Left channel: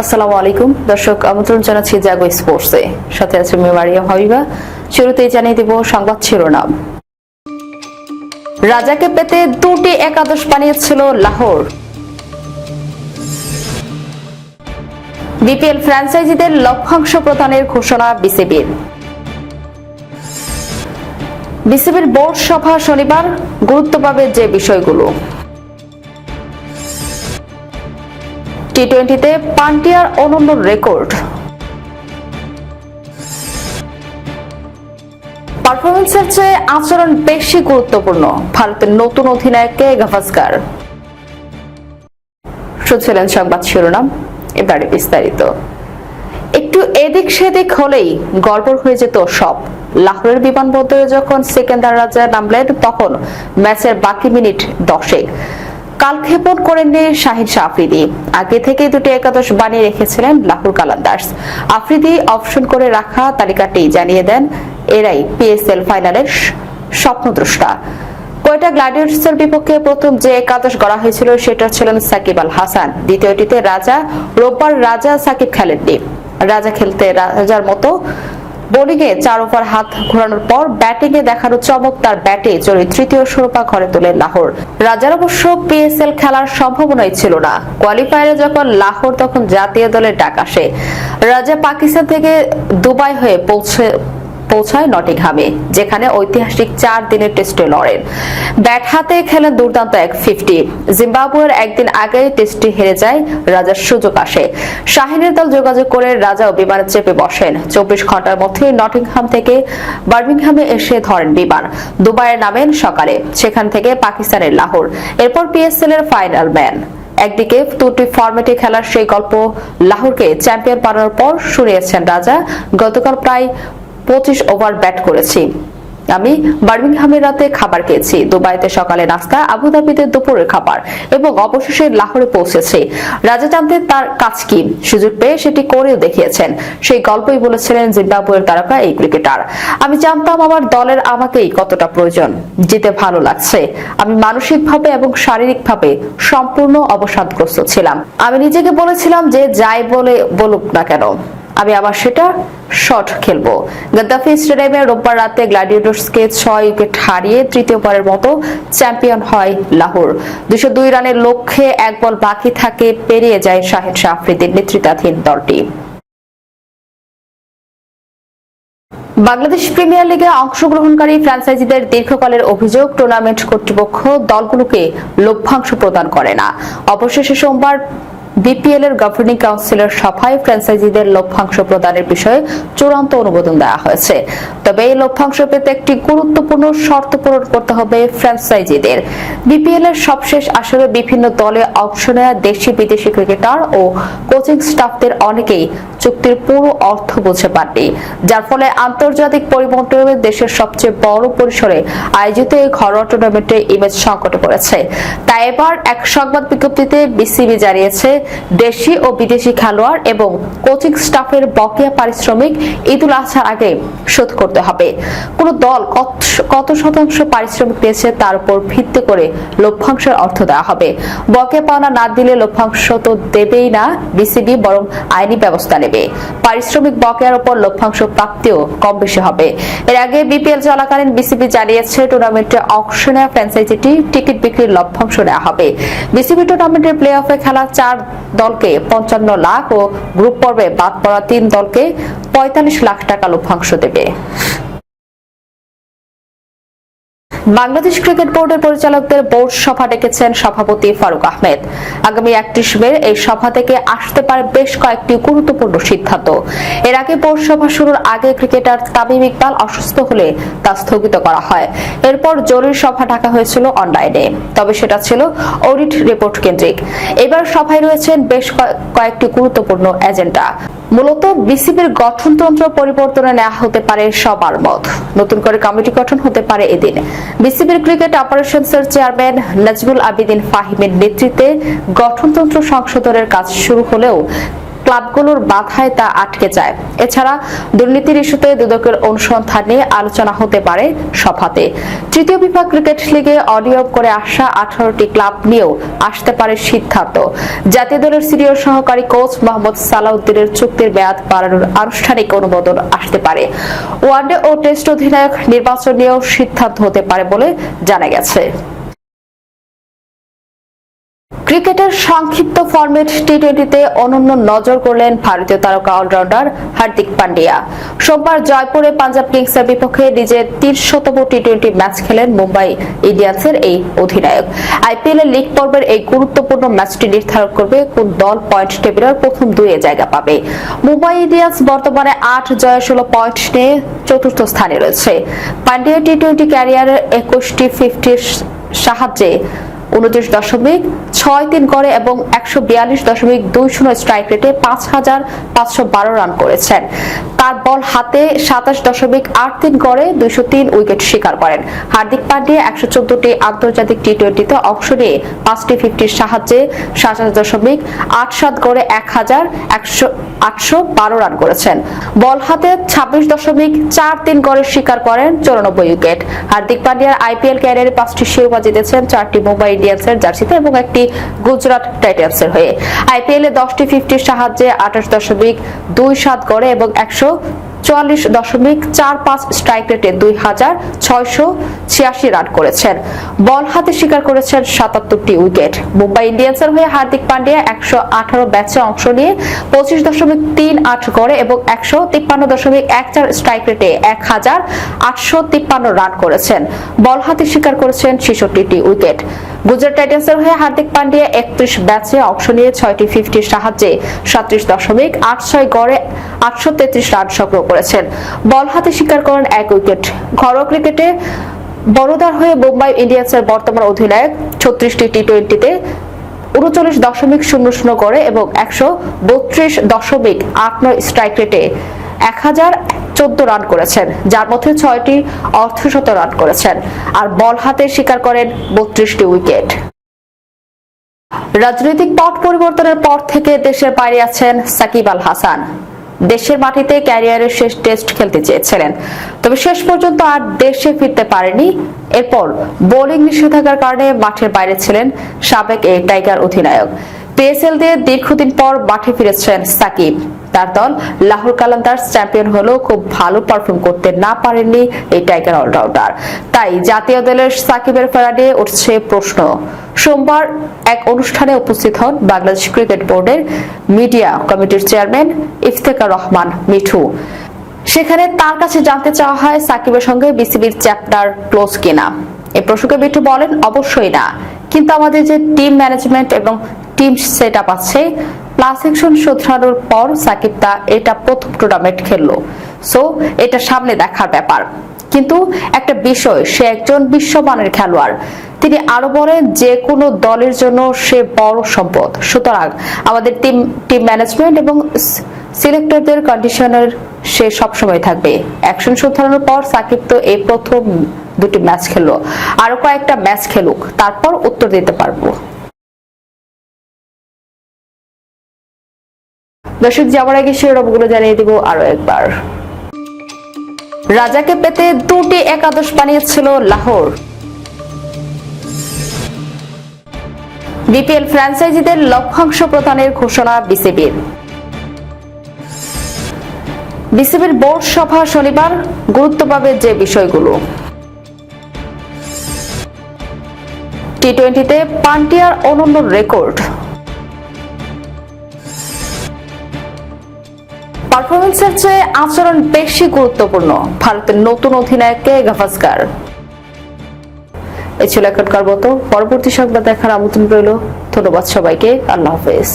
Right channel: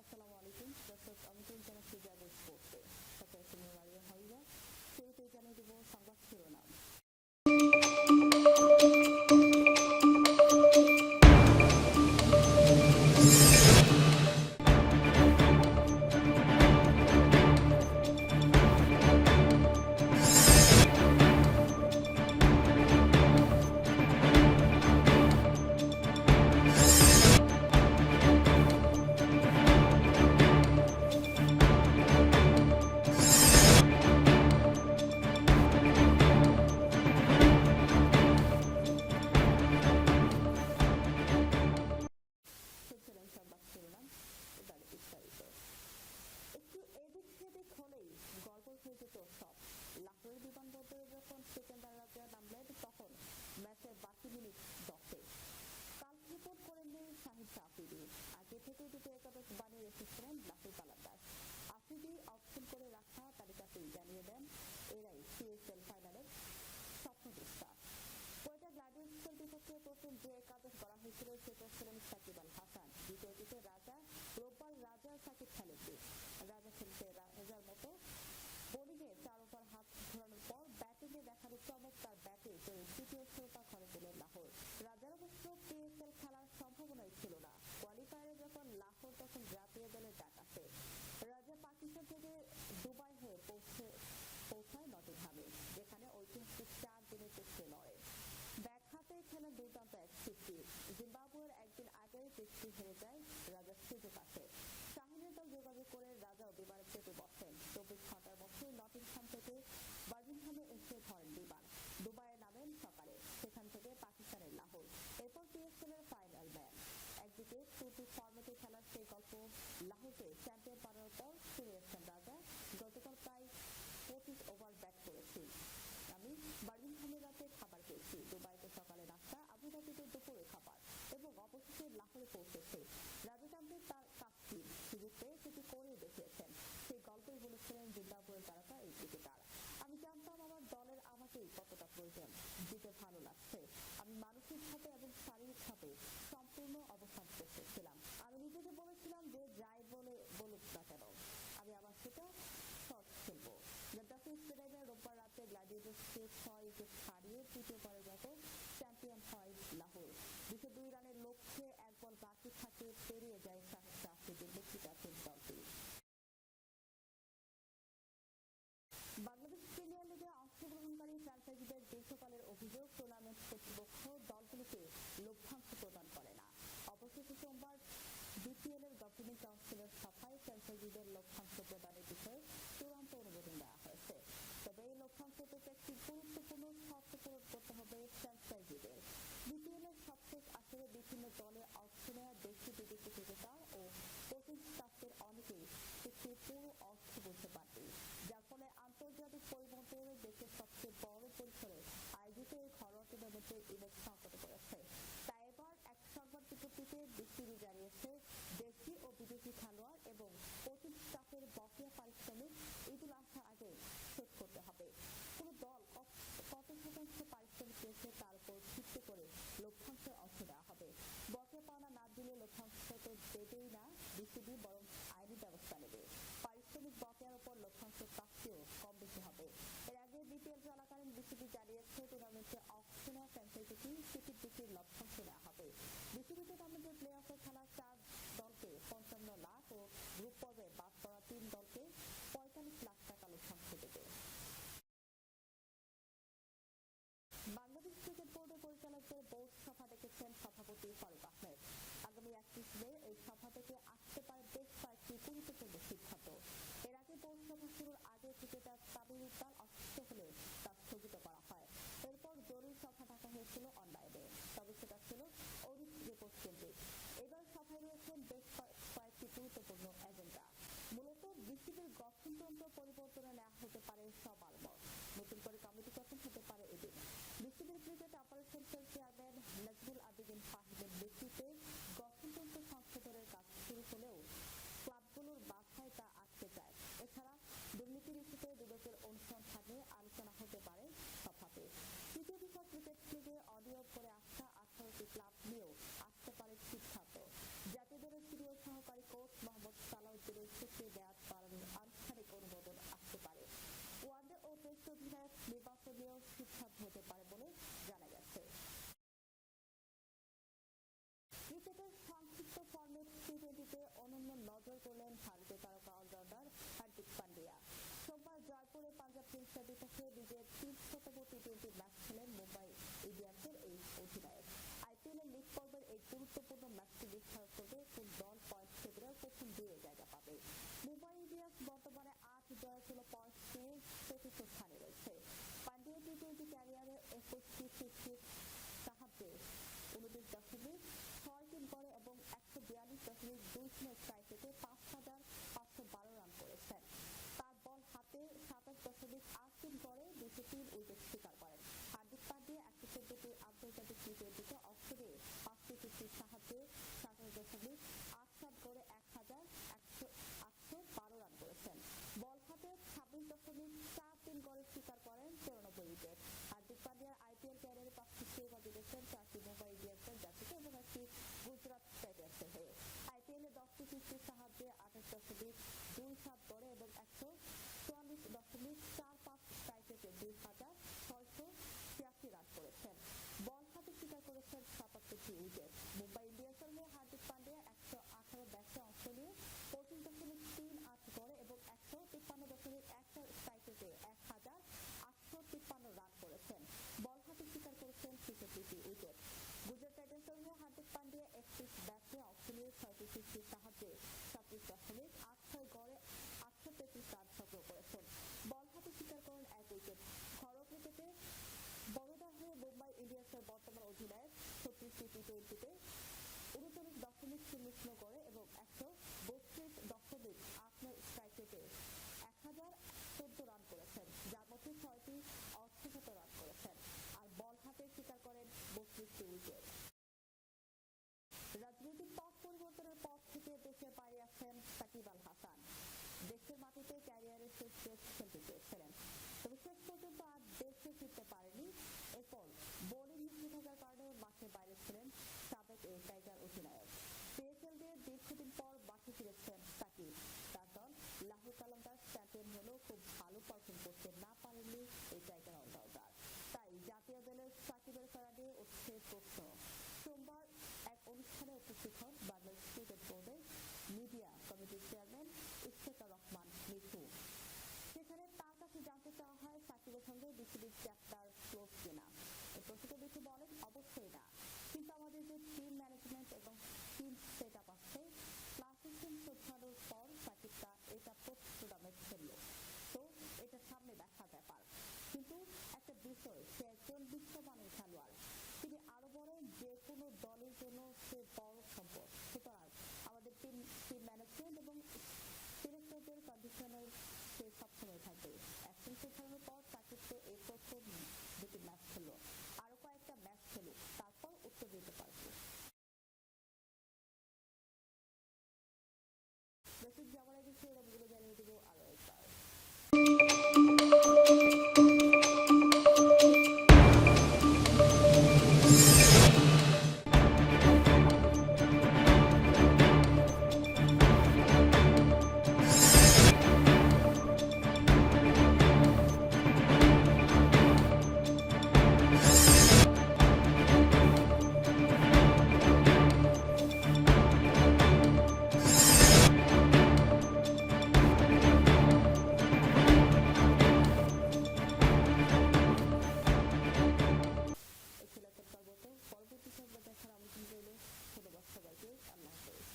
আসসালামু আলাইকুম। দর্শক, আমন্ত্রণ জানাচ্ছি জাগো স্পোর্টসে। সাথে আছে শুরুতেই জানিয়ে দেব সংবাদ শিরোনাম। রাজাকে পেতে দুটি একাদশ বানিয়েছিল লাহোর। বিপিএল ফ্র্যাঞ্চাইজিদের লভ্যাংশ প্রদানের ঘোষণা বিসিবির। বিসিবির বোর্ড সভা শনিবার গুরুত্ব পাবে যে বিষয়গুলো। টি টোয়েন্টিতে পান্টিয়ার অনন্য রেকর্ড। পারফরমেন্সের চেয়ে আচরণ বেশি গুরুত্বপূর্ণ ভারতের নতুন অধিনায়ককে গাভাস্কার। শুনছিলেন সংবাদ শিরোনাম, এবারে বিস্তারিত। একটু এদিক সেদিক হলেই গড়বড় হয়ে যেত সব। লাহোরের বিমানবন্দরে যখন সেকেন্দার রাজা নামলেন, তখন ম্যাচের বাকি মিনিট দশেক। কালক্ষেপণ করেননি শাহিন শাহ আফ্রিদি। আগে থেকে দুটি একাদশ বানিয়ে রেখেছিলেন লাহোর কালান্দার্স। আফ্রিদি অপশন করে রাখা তালিকাটি জানিয়ে দেন, এরাই পিএসএল ফাইনালের স্বপ্নদ্রষ্টা। কোয়েটা গ্লাডিয়ার্সের বিপক্ষে প্রথম যে একাদশ গড়া হয়েছিল সেটা ছিলেন সাকিব আল হাসান। দ্বিতীয়টিতে রাজা, রোববার রাজা সাকিব খেলেননি। রাজা খেলতে রাজার মতো বোলিং এ চার ওভার হাত ঘোরানোর পর ব্যাটিং এ দেখানো চমক তার ব্যাটে চলে তৃতীয় শিরোপা ঘরে তোলে লাহোর। রাজার অবশ্য পিএসএল খেলার সম্ভাবনাই ছিল না। কোয়ালিফায়ারে যখন লাহোর, তখন জাতীয় দলের ডাক আসে। রাজা পাকিস্তান থেকে দুবাই হয়ে পৌঁছে পৌঁছায় নটিংহামে, যেখানে ঐতিহাসিক চার দিনের টেস্টে লড়েন। ব্যাট হাতে খেলেন দুর্দান্ত এক ফিফটি জিম্বাবুয়ের একদিন আগে টেস্টে হেরে যায়, রাজার সুযোগ আসে। শাহিনের দল যোগাযোগ করে রাজাও বিমানে চেপে বসেন। চব্বিশ ঘণ্টার মধ্যে নটিংহাম থেকে বার্মিংহামে এসে ধরেন বিমান। দুবাইয়ে নামেন সকালে, সেখান থেকে পাকিস্তানের লাহোর। এরপর পিএসএল এর ফাইনাল ম্যান। একদিকে দুটি ফরম্যাটে খেলার সেই গল্প লাহোরকে চ্যাম্পিয়ন বানানোর পর শুনিয়েছেন রাজা। গতকাল প্রায় পঁচিশ ওভার ব্যাট করেছি। আমি বার্মিংহামের রাতে খাবার খেয়েছি। দুবাইতে সকালে নাস্তা, আবুধাবিতে দুপুরের খাবার এবং অবশেষে লাহোরে পৌঁছেছি। রাজা জানতেন তার কাজ কি। সুযোগ পেয়ে সেটি করেও দেখিয়েছেন। সেই গল্পই বলেছিলেন জিম্বাবুয়ের তারকা এই ক্রিকেটার। আমি জানতাম আমার দলের আমাকেই কতটা প্রয়োজন। জিতে ভালো লাগছে। আমি মানসিকভাবে এবং শারীরিকভাবে সম্পূর্ণ অবসাদগ্রস্ত ছিলাম। আমি নিজেকে বলেছিলাম যে যাই বলে বলুক না কেন। আমি আবার সেটা শট খেলব। গাদ্দাফি স্টেডিয়ামে রোববার রাতে গ্ল্যাডিয়েটর্সকে ছয় উইকেট হারিয়ে তৃতীয়বারের মতো চ্যাম্পিয়ন হয় লাহোর। দুশো দুই রানের লক্ষ্যে এক বল বাকি থাকে, পেরিয়ে যায় শাহেদ শাহ আফ্রিদির নেতৃত্বাধীন দলটি। বাংলাদেশ প্রিমিয়ার লিগে অংশগ্রহণকারী ফ্র্যাঞ্চাইজিদের দীর্ঘকালের অভিযোগ টুর্নামেন্ট কর্তৃপক্ষ দলগুলোকে লভ্যাংশ প্রদান করে না। অবশেষে সোমবার বিপিএল এর গভর্নিং কাউন্সিলের সভায় ফ্র্যাঞ্চাইজিদের লভ্যাংশ প্রদানের বিষয়ে চূড়ান্ত অনুমোদন দেওয়া হয়েছে। তবে এই লভ্যাংশ পেতে একটি গুরুত্বপূর্ণ শর্ত পূরণ করতে হবে ফ্র্যাঞ্চাইজিদের বিপিএল এর সবশেষ আসরে বিভিন্ন দলে অংশ নেওয়া দেশি বিদেশি ক্রিকেটার ও কোচিং স্টাফদের অনেকেই চুক্তির পুরো অর্থ বুঝে পাননি। যার ফলে আন্তর্জাতিক পরিমণ্ডলে দেশের সবচেয়ে বড় পরিসরে আয়োজিত এই ঘরোয়া টুর্নামেন্টে ইমেজ সংকটে পড়েছে। তাই এবার এক সংবাদ বিজ্ঞপ্তিতে বিসিবি জানিয়েছে দেশি ও বিদেশি খেলোয়াড় এবং কোচিং স্টাফের বকেয়া পারিশ্রমিক ঈদুল আজহার আগে শোধ করতে হবে। কোন দল কত- শতাংশ পারিশ্রমিক পেয়েছে তার উপর ভিত্তি করে লভ্যাংশের অর্থ দেওয়া হবে। বকেয়া পাওনা না দিলে লভ্যাংশ তো দেবেই না, বিসিবি বরং আইনি ব্যবস্থা নেবে। পারিশ্রমিক বকেয়ার উপর লভ্যাংশ প্রাপ্তিও কম বেশি হবে। এর আগে বিপিএল চলাকালীন বিসিবি জানিয়েছে, টুর্নামেন্টে অংশ নেওয়া ফ্র্যাঞ্চাইজিটি, টিকিট বিক্রির লভ্যাংশ নেওয়া হবে। বিসিবি টুর্নামেন্টের প্লে অফে খেলা চার দলকে পঞ্চান্ন লাখ ও গ্রুপ পর্বে বাদ পড়া তিন দলকে পঁয়তাল্লিশ লাখ টাকা লভ্যাংশ দেবে। বাংলাদেশ ক্রিকেট বোর্ডের পরিচালকদের বোর্ড সভা ডেকেছেন সভাপতি ফারুক আহমেদ। আগামী একত্রিশ মে এই সভা থেকে আসতে পারে বেশ কয়েকটি গুরুত্বপূর্ণ সিদ্ধান্ত। এর আগে বোর্ড সভা শুরুর আগে ক্রিকেটার তামিম ইকবাল অসুস্থ হলে তা স্থগিত করা হয়। এরপর জরুরি সভা ডাকা হয়েছিল অনলাইনে। তবে সেটা ছিল অডিট রিপোর্ট কেন্দ্রিক। এবার সভায় রয়েছেন বেশ কয়েক- কয়েকটি গুরুত্বপূর্ণ এজেন্ডা। মূলত বিসিবির গঠনতন্ত্র পরিবর্তনে নেওয়া হতে পারে সবার মত। নতুন করে কমিটি গঠন হতে পারে এদিন। বিসিবির ক্রিকেট অপারেশনসের চেয়ারম্যান নাজমুল আবিদিন ফাহিমের নেতৃত্বে গঠনতন্ত্র সংশোধনের কাজ শুরু হলেও ক্লাবগুলোর বাধায় তা আটকে যায়। এছাড়া দুর্নীতির ইস্যুতে দুদকের অনুসন্ধান নিয়ে আলোচনা হতে পারে সভাতে। তৃতীয় বিভাগ ক্রিকেট লিগে অনিয়ম করে আসা আঠারোটি ক্লাব নিয়েও আসতে পারে সিদ্ধান্ত। জাতীয় দলের সিনিয়র সহকারী কোচ মোহাম্মদ সালাউদ্দিনের চুক্তির মেয়াদ বাড়ানোর আনুষ্ঠানিক অনুমোদন আসতে পারে। ওয়ানডে ও টেস্ট অধিনায়ক নির্বাচন নিয়েও সিদ্ধান্ত হতে পারে বলে জানা গেছে। ক্রিকেটের সংক্ষিপ্ত ফরম্যাট টি টোয়েন্টিতে অনন্য নজর করলেন ভারতীয় তারকা অলরাউন্ডার হার্দিক পান্ডিয়া। সোমবার জয়পুরে পাঞ্জাব কিংসের বিপক্ষে নিজের তিনশতম টি টোয়েন্টি ম্যাচ খেলেন মুম্বাই ইন্ডিয়ান্সের এই অধিনায়ক। আইপিএল এর লিগ পর্বের এই গুরুত্বপূর্ণ ম্যাচটি নির্ধারণ করবে কোন দল পয়েন্ট টেবিলের প্রথম দুয়ে জায়গা পাবে। মুম্বাই ইন্ডিয়ান্স বর্তমানে আট জয় ষোলো পয়েন্ট নিয়ে চতুর্থ স্থানে রয়েছে। পান্ডিয়া টি টোয়েন্টি ক্যারিয়ারের একুশটি ফিফটির সাহায্যে উনত্রিশ দশমিক ছয় তিন করে এবং একশো বিয়াল্লিশ দশমিক দুই শূন্য স্ট্রাইক রেটে পাঁচ হাজার পাঁচশো বারো রান করেছেন। তার বল হাতে সাতাশ দশমিক আট তিন করে দুইশো তিন উইকেট শিকার করেন। হার্দিক পান্ডিয়া একশো চোদ্দটি আন্তর্জাতিক টি টোয়েন্টিতে অংশ নিয়ে পাঁচটি ফিফটির সাহায্যে সাতাশ দশমিক আট সাত করে এক হাজার একশো আটশো বারো রান করেছেন। বল হাতে ছাব্বিশ দশমিক চার তিন করে শিকার করেন চৌরানব্বই উইকেট হার্দিক পান্ডিয়ার আইপিএল ক্যারিয়ারে পাঁচটি শিরোপা জিতেছেন, চারটি মুম্বাই ইন্ডিয়ান্সের জার্সিতে এবং একটি গুজরাট টাইটান্সের হয়ে। আইপিএল দশটি ফিফটির সাহায্যে আঠাশ দশমিক দুই সাত করে এবং একশো চুয়াল্লিশ দশমিক চার পাঁচ স্ট্রাইক রেটে দুই হাজার ছয়শো ছিয়াশি রান করেছেন। বল হাতে শিকার করেছেন সাতাত্তরটি উইকেট। মুম্বাই ইন্ডিয়ান্সের হয়ে হার্দিক পান্ডিয়া একশো আঠারো ম্যাচে অংশ নিয়ে পঁচিশ দশমিক তিন আট করে এবং একশো তিপ্পান্ন দশমিক এক চার স্ট্রাইক রেটে এক হাজার আটশো তিপ্পান্ন রান করেছেন। বল হাতে শিকার করেছেন ছেষট্টিটি উইকেট। গুজরাট টাইটান্সের হয়ে হার্দিক পান্ডিয়া একত্রিশ ব্যাচে অংশ নিয়ে ছয়টি ফিফটির সাহায্যে সাত্রিশ দশমিক আট ছয় গড়ে আটশো তেত্রিশ রান সংগ্রহ করেছেন। বল হাতে শিকার করেন এক উইকেট। ঘরোয়া ক্রিকেটে বড়দার হয়ে মুম্বাই ইন্ডিয়ান্সের বর্তমান অধিনায়ক ছত্রিশটি টি টোয়েন্টিতে উনচল্লিশ দশমিক শূন্য শূন্য করে এবং একশো বত্রিশ দশমিক আট নয় স্ট্রাইক রেটে এক হাজার চোদ্দ রান করেছেন, যার মধ্যে ছয়টি অর্ধশত রান করেছেন আর বল হাতে শিকার করেন বত্রিশটি উইকেট। রাজনৈতিক পট পরিবর্তনের পর থেকে দেশের বাইরে আছেন সাকিব আল হাসান। দেশের মাটিতে ক্যারিয়ারের শেষ টেস্ট খেলতে চেয়েছিলেন। তবে শেষ পর্যন্ত আর দেশে ফিরতে পারেনি। এরপর বোলিং নিষেধাজ্ঞার কারণে মাঠের বাইরে ছিলেন সাবেক এই টাইগার অধিনায়ক। পিএসএল দিয়ে দীর্ঘদিন পর মাঠে ফিরেছেন সাকিব। তার দল লাহোর কালান্দার্স চ্যাম্পিয়ন হলেও খুব ভালো পারফর্ম করতে না পারেননি এই টাইগার অলরাউন্ডার। তাই জাতীয় দলের সাকিবের ফেরা নিয়ে উঠছে প্রশ্ন। সোমবার এক অনুষ্ঠানে উপস্থিত হন বাংলাদেশ ক্রিকেট বোর্ডের মিডিয়া কমিটির চেয়ারম্যান ইফতেকার রহমান মিঠু। সেখানে তার কাছে জানতে চাওয়া হয় সাকিবের সঙ্গে বিসিবির চ্যাপ্টার ক্লোজ কিনা। এ প্রসঙ্গে মিঠু বলেন, অবশ্যই না। কিন্তু আমাদের যে টিম ম্যানেজমেন্ট এবং টিম সেট আপ আছে। প্লাস সেকশন শোধরানোর পর সাকিব তা এটা প্রথম টুর্নামেন্ট খেললো। সো এটা সামনে দেখার ব্যাপার। কিন্তু একটা বিষয়, সে একজন বিশ্বমানের খেলোয়াড়। তিনি আরও বলেন যে কোনো দলের জন্য সে বড় সম্পদ। সুতরাং আমাদের টিম টিম ম্যানেজমেন্ট এবং সিলেক্টরদের কন্ডিশনের সে সবসময় থাকবে। অ্যাকশন শোধরানোর পর সাকিব তো এই প্রথম দুটি ম্যাচ খেললো। আরও কয়েকটা ম্যাচ খেলুক, তারপর উত্তর দিতে পারব। দর্শক, যাওয়ার আগে শিরোনামগুলো জানিয়ে দিব আরও একবার। রাজাকে পেতে দুটি একাদশ বানিয়েছিল লাহোর। বিপিএল ফ্র্যাঞ্চাইজিদের লভ্যাংশ প্রদানের ঘোষণা বিসিবির। বিসিবির বোর্ড সভা শনিবার গুরুত্ব পাবে যে বিষয়গুলো। টি টোয়েন্টিতে পান্টিয়ার অনন্য রেকর্ড। পারফরমেন্সের চেয়ে আচরণ বেশি গুরুত্বপূর্ণ। ভারতের নতুন অধিনায়ককে গাভাস্কার? এই ছিল এখনকার মতো। পরবর্তী সংবাদ দেখার আমন্ত্রণ রইল। ধন্যবাদ সবাইকে। আল্লাহ হাফেজ।